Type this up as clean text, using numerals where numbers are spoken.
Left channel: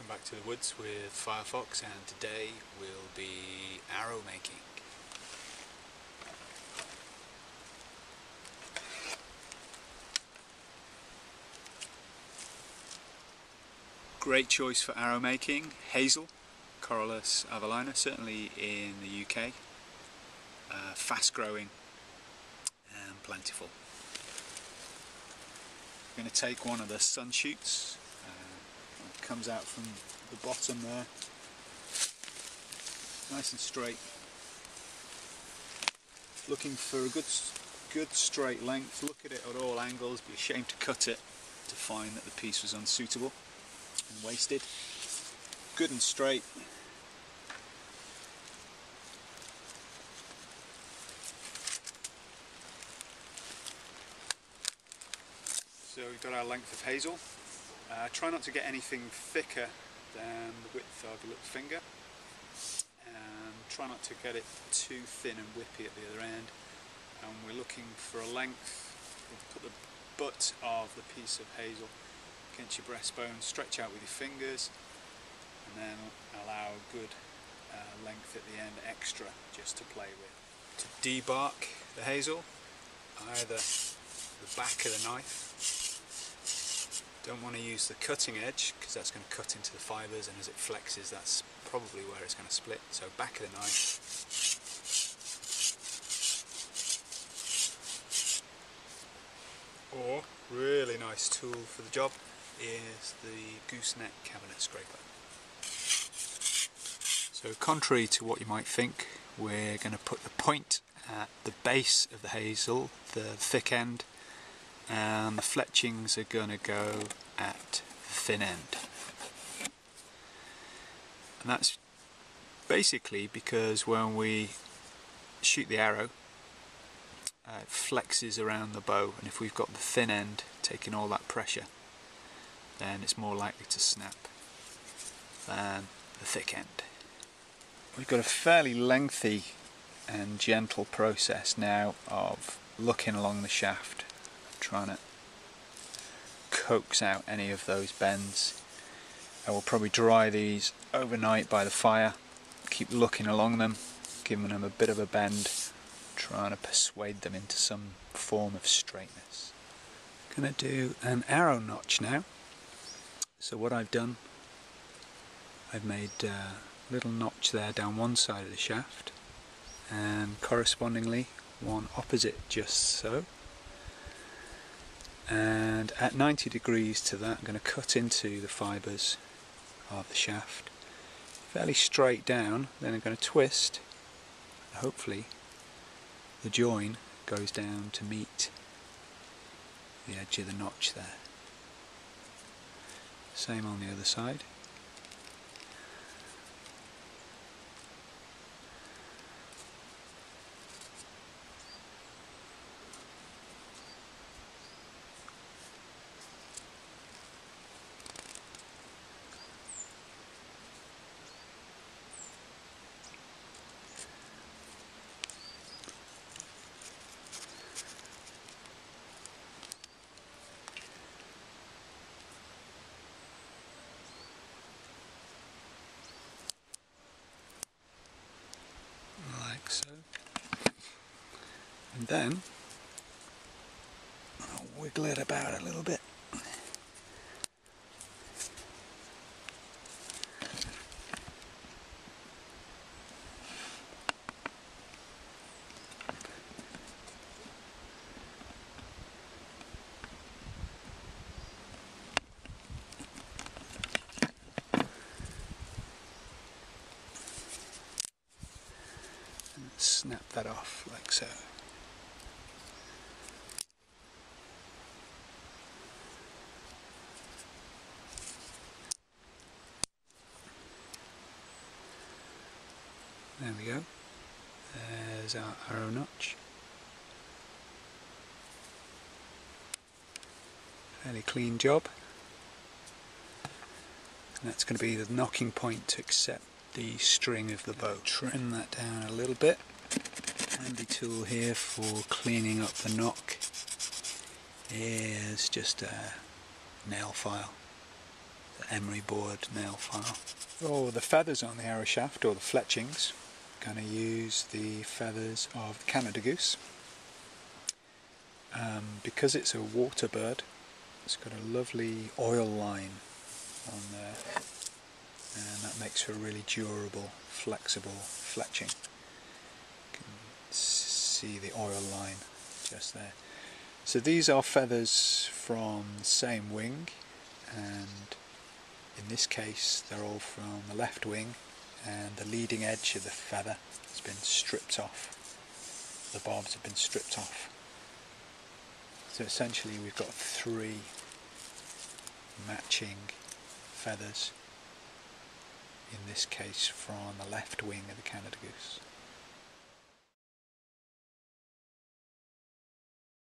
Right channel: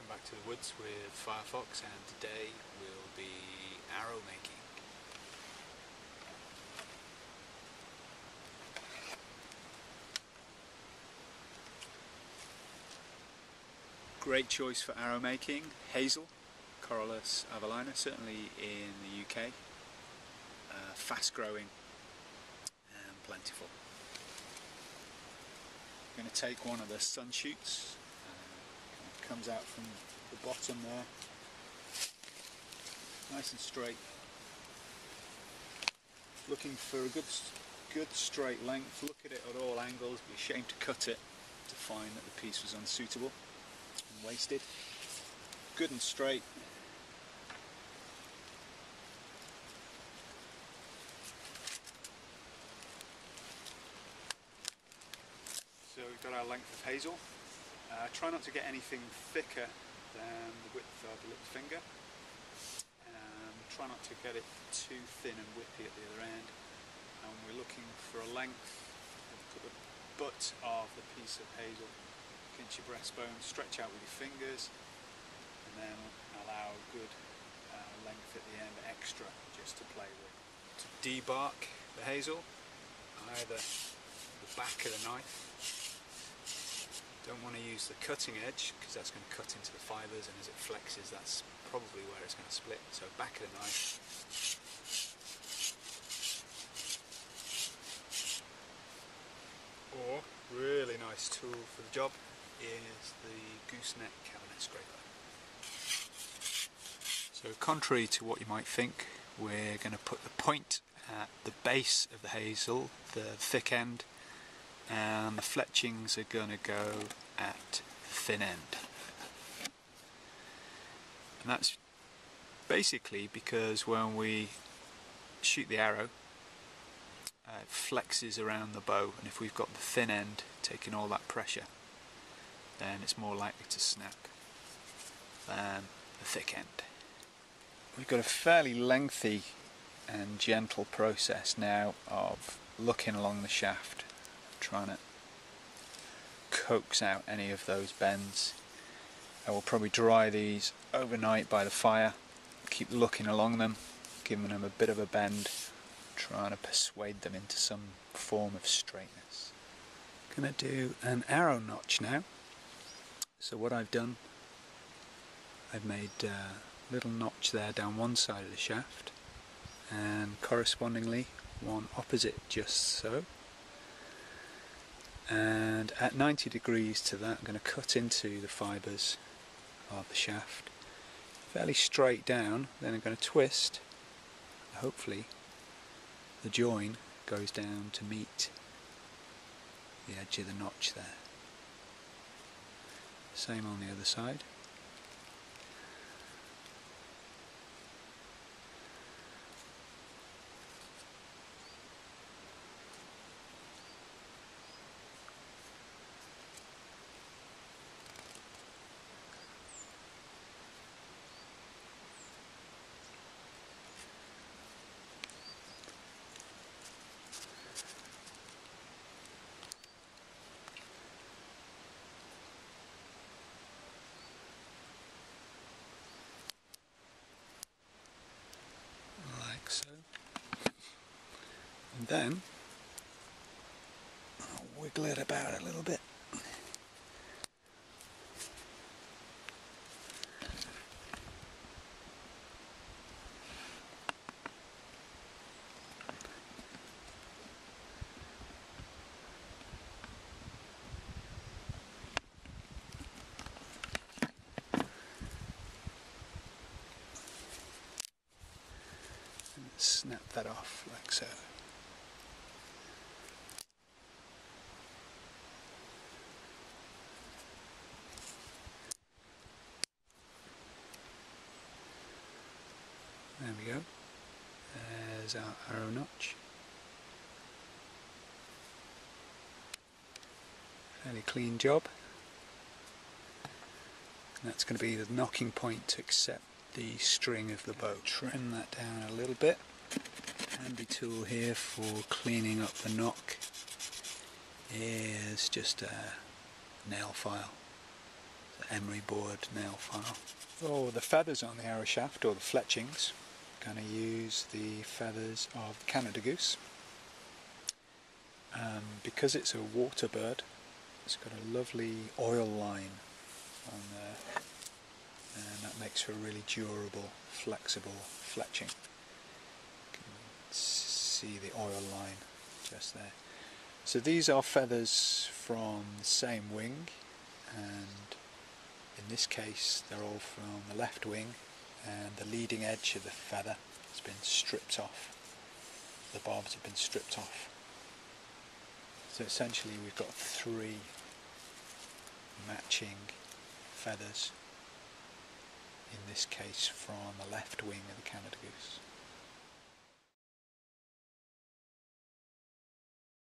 Welcome back to the woods with Firefox, and today we'll be arrow making. Great choice for arrow making, hazel, Corylus avellana, certainly in the UK. Fast growing and plentiful. I'm going to take one of the sun shoots. It comes out from the bottom there, nice and straight. Looking for a good straight length. Look at it at all angles. Be ashamed to cut it to find that the piece was unsuitable and wasted. Good and straight. So we've got our length of hazel. Try not to get anything thicker than the width of your little finger. Try not to get it too thin and whippy at the other end. And we're looking for a length. We'll put the butt of the piece of hazel against your breastbone, stretch out with your fingers, and then allow a good length at the end extra just to play with. To debark the hazel, either the back of the knife. Don't want to use the cutting edge because that's going to cut into the fibres, and as it flexes that's probably where it's going to split. So back of the knife. Or, really nice tool for the job is the gooseneck cabinet scraper. So contrary to what you might think, we're going to put the point at the base of the hazel, the thick end, and the fletchings are going to go at the thin end. And that's basically because when we shoot the arrow, it flexes around the bow, and if we've got the thin end taking all that pressure, then it's more likely to snap than the thick end. We've got a fairly lengthy and gentle process now of looking along the shaft, trying to coax out any of those bends. I will probably dry these overnight by the fire, keep looking along them, giving them a bit of a bend, trying to persuade them into some form of straightness. Going to do an arrow notch now. So what I've done, I've made a little notch there down one side of the shaft, and correspondingly one opposite just so. And at 90 degrees to that, I'm going to cut into the fibres of the shaft fairly straight down. Then I'm going to twist. Hopefully the join goes down to meet the edge of the notch there. Same on the other side. So, and then I'll wiggle it about a little bit. Snap that off like so. There we go. There's our arrow notch. Fairly clean job. And that's going to be the knocking point to accept the string of the bow. Trim that down a little bit. Handy tool here for cleaning up the knock is just a nail file. the emery board nail file. For the feathers on the arrow shaft, or the fletchings, I'm going to use the feathers of the Canada goose. Because it's a water bird, it's got a lovely oil line on there, and that makes for a really durable, flexible fletching. You can see the oil line just there. So these are feathers from the same wing, and in this case they're all from the left wing, and the leading edge of the feather has been stripped off. The barbs have been stripped off. So essentially we've got 3 matching feathers, in this case from the left wing of the Canada goose.